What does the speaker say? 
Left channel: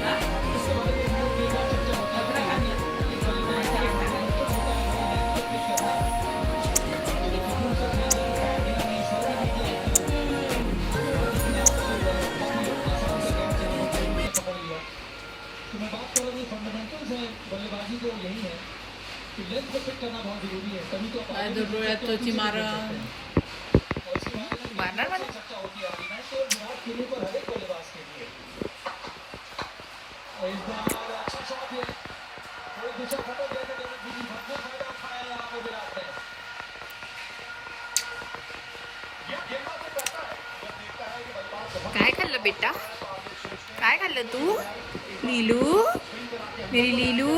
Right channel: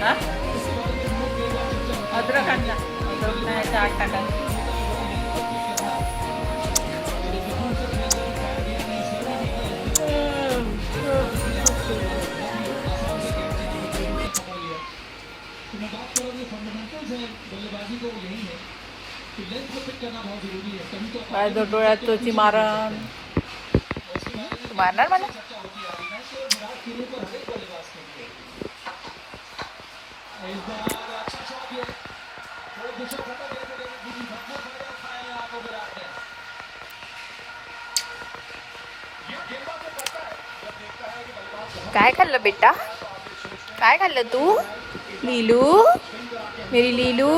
हा? अद्रक आणला. अद्रक नाही, चाट टाकायचं. काय तो डोळ्यात तोची मारण मारणार मला. काय खाल्लं बेटा? काय खाल्लं तू? लीलू, मेरी लीलू.